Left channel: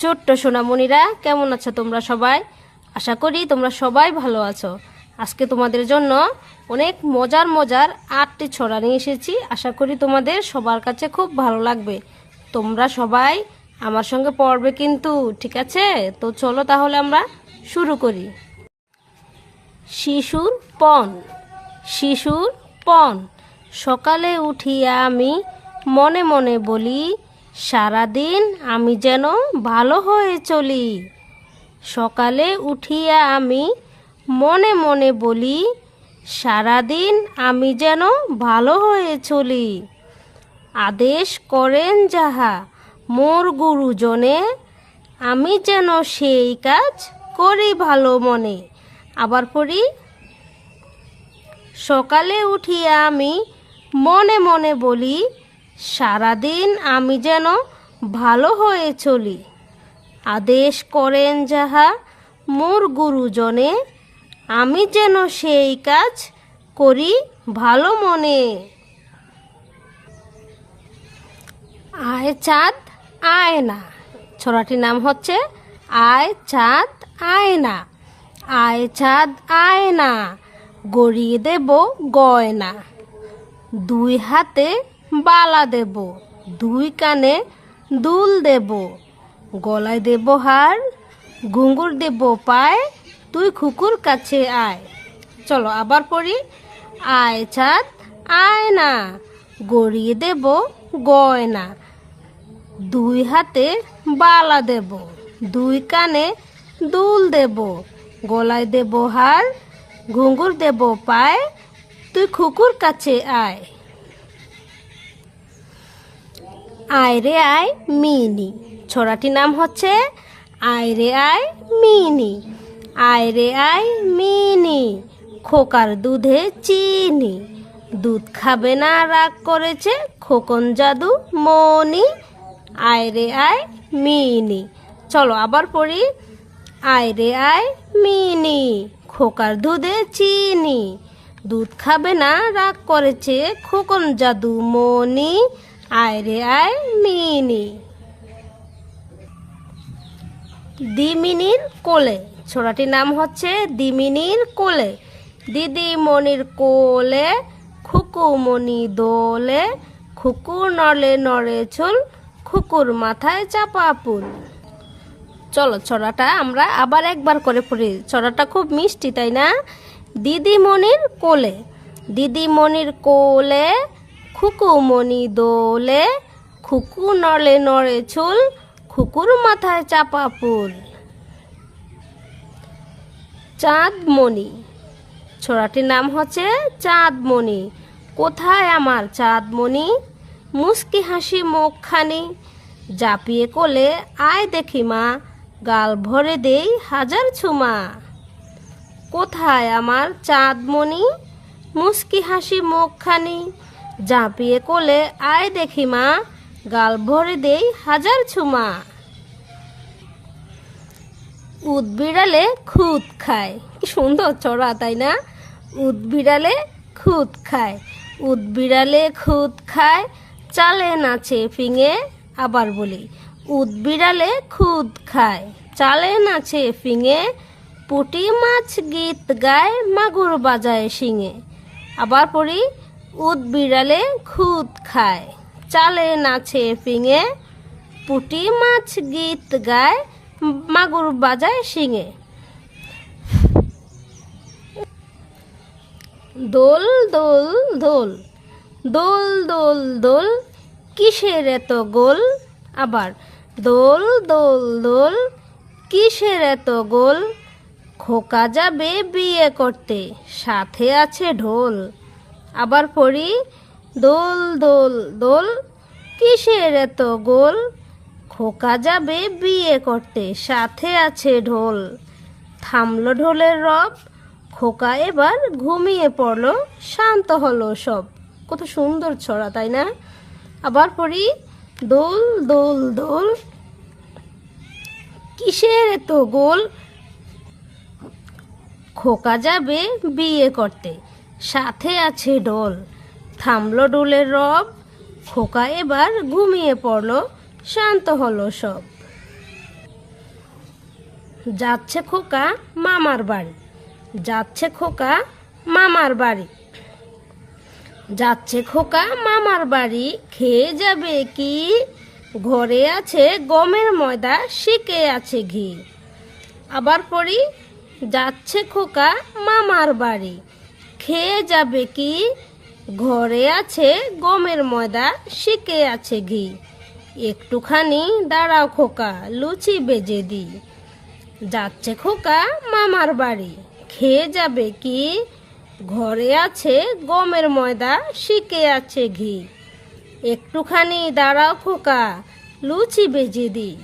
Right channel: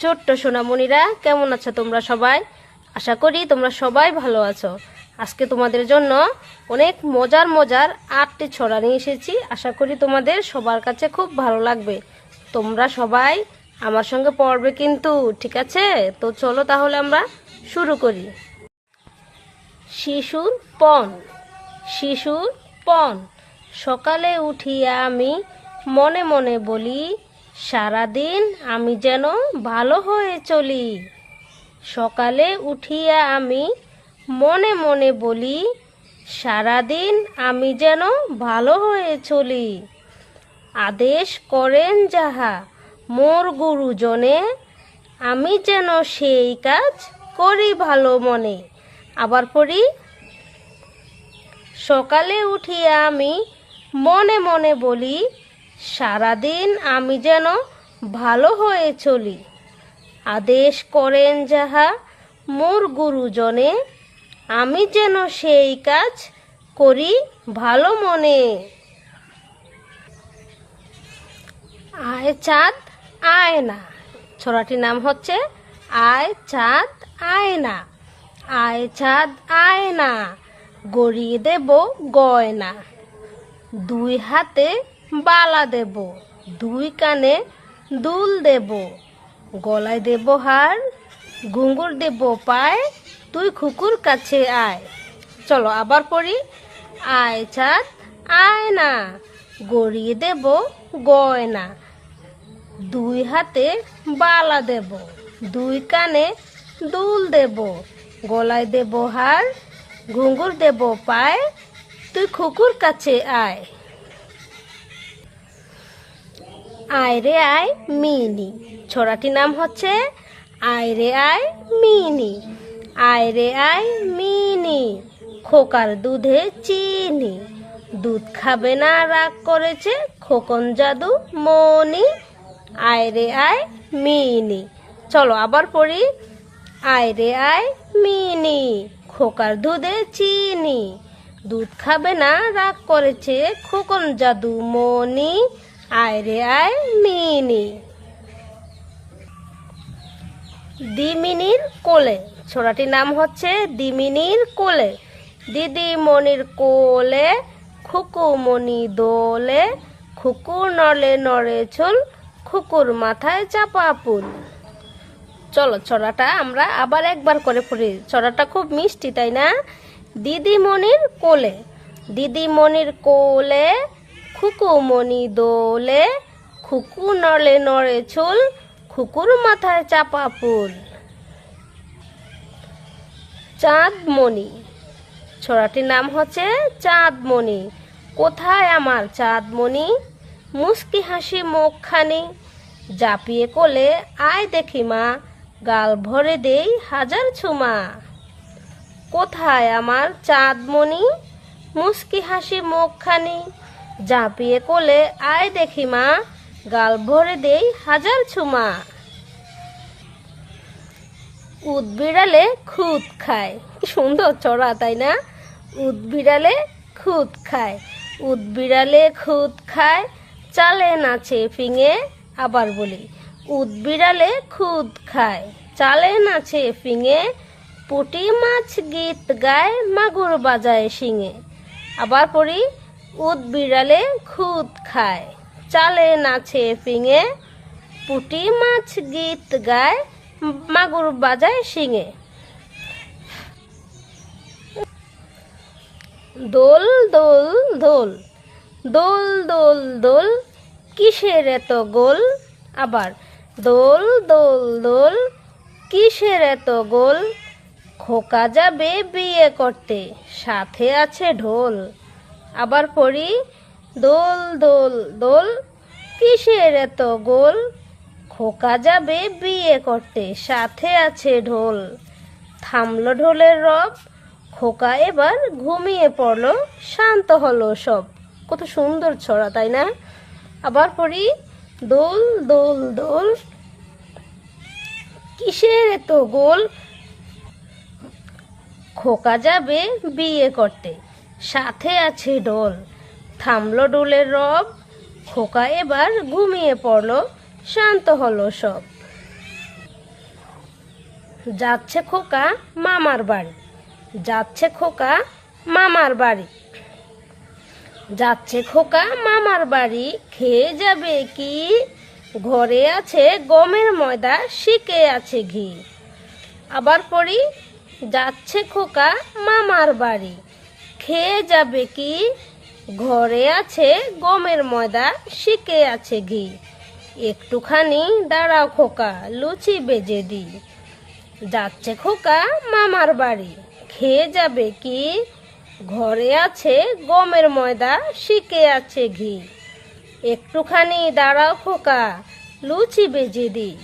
ছোট্ট সোনামণিরা, কেমন আছো তোমরা সবাই? আশা করি তোমরা সবাই ভালো আছো। আজকে তোমাদের জন্য অনেক মজার মজার 8টি ছড়া নিয়ে এসেছি। আশা করি তোমাদের সবার কাছে খুব ভালো লাগবে। তোমরা সবাই আমার সঙ্গে পড়বে কিন্তু, ঠিক আছে? তো চলো তাহলে আমরা শুরু করি। শিশুর পণ। শিশুর পণ। সকালে উঠিয়া আমি মনে মনে বলি, সারাদিন আমি যেন ভালো হয়ে চলি। সকালে উঠিয়া আমি মনে মনে বলি, সারাদিন আমি যেন ভালো হয়ে চলি। আদেশ করেন যাহা মোর গুরুজনে, আমি যেন সেই কাজ করি ভালো মনে। আবার পড়ি। সকালে উঠিয়া আমি মনে মনে বলি, সারাদিন আমি যেন ভালো হয়ে চলি। আদেশ করেন যাহা মোর গুরুজনে, আমি যেন সেই কাজ করি ভালো মনে। আয় চাঁদ আয় না। ছড়াটির নাম হচ্ছে আয় চাঁদ আয় না। আয় চাঁদ আয় না, গড়িয়ে দেব গয়না। দুই হাতে বালা দেব, দুই কানে দুল দেব, গলায় দেব হার, ঘুঙুর দেব পায়, তুই খুকুর কাছে আয়। চলো আবার পড়ি। আয় চাঁদ আয় না, গড়িয়ে দেব গয়না। দুই হাতে বালা দেব, দুই কানে দুল দেব, গলায় দেব হার, ঘুঙুর দেব পায়, তুই খুকুর কাছে আয়। আয় রে আয় মিনি। ছড়াটির নাম হচ্ছে আয় রে আয় মিনি। আয় রে আয় মিনি, খোকার দুধে চিনি। দুধ খাবে না রাগ করেছে খোকন জাদু মনি। আয় রে আয় মিনি। চলো আবার পড়ি। আয় রে আয় মিনি, খোকার দুধে চিনি। দুধ খাবে না রাগ করেছে খোকন জাদু মনি। আয় রে আয় মিনি। দিমিনির কোলে। ছড়াটির নাম হচ্ছে দিমিনির কোলে। দিদিমণির কোলে খুকুমণি দোলে, খুকু নড়ে নড়ে চুল, খুকুর মাথায় চাপা ফুল। চলো ছড়াটা আমরা আবার একবার করে পড়ি। ছড়াটা খুব মিষ্টি, তাই না? দিদিমণির কোলে। দিদিমণির কোলে খুকুমণি দোলে, খুকু নড়ে নড়ে চুল, খুকুর মাথায় চাপা ফুল। চাঁদমণি। ছড়াটির নাম হচ্ছে চাঁদমণি। কোথায় আমার চাঁদমণি, মুস্কি হাসি মুখখানি। জাপিয়ে কোলে আয় দেখি মা, গাল ভরে দেই হাজার ছুমা। কোথায় আমার চাঁদমণি, মুস্কি হাসি মুখখানি। জাপিয়ে কোলে আয় দেখি মা, গাল ভরে দেই হাজার ছুমা। উদ বিড়ালে খুদ খায়। কি সুন্দর ছড়া, তাই না? উদ বিড়ালে খুদ খায়। উদ বিড়ালে খুদ খায়, চালে নাচে ফিঙে। আবার বলি। উদ বিড়ালে খুদ খায়, চালে নাচে ফিঙে। পুঁটি মাছ গীত গায়, মাগুর বাজায় শিঙে। আবার পড়ি। উদ বিড়ালে খুদ খায়, চালে নাচে ফিঙে। পুঁটি মাছ গীত গায়, মাগুর বাজায় শিঙে। দোল দোল দোল, দোল দোল দোল, কিসের এত গোল। আবার। দোল দোল দোল, কিসের এত গোল। খোকা যাবে বিয়ে করতে, সাথে আছে ঢোল। আবার পড়ি। দোল দোল দোল, কিসের এত গোল। খোকা যাবে বিয়ে করতে, সাথে আছে ঢোল। থামলো ঢোলের রব, খোকা এবার ঘুমিয়ে পড়লো, শান্ত হলো সব। কত সুন্দর ছড়া, তাই না? আবার পড়ি। দোল দোল দোল, কিসের এত গোল। খোকা যাবে বিয়ে করতে, সাথে আছে ঢোল। থামলো ঢোলের রব, খোকা এবার ঘুমিয়ে পড়লো, শান্ত হলো সব। যাচ্ছে খোকা মামার বাড়ি, যাচ্ছে খোকা মামার বাড়ি, যাচ্ছে খোকা মামার বাড়ি, খেয়ে যাবে কি? ঘরে আছে গমের ময়দা, শিকে আছে ঘি। আবার পড়ি, যাচ্ছে খোকা মামার বাড়ি, খেয়ে যাবে কি? ঘরে আছে গমের ময়দা, শিকে আছে ঘি। একটুখানি দাঁড়াও খোকা, লুচি বেজে দিই। যাচ্ছে খোকা মামার বাড়ি, খেয়ে যাবে কি? ঘরে আছে গমের ময়দা, শিকে আছে ঘি। একটুখানি দাঁড়াও খোকা, লুচি বেজে দিই।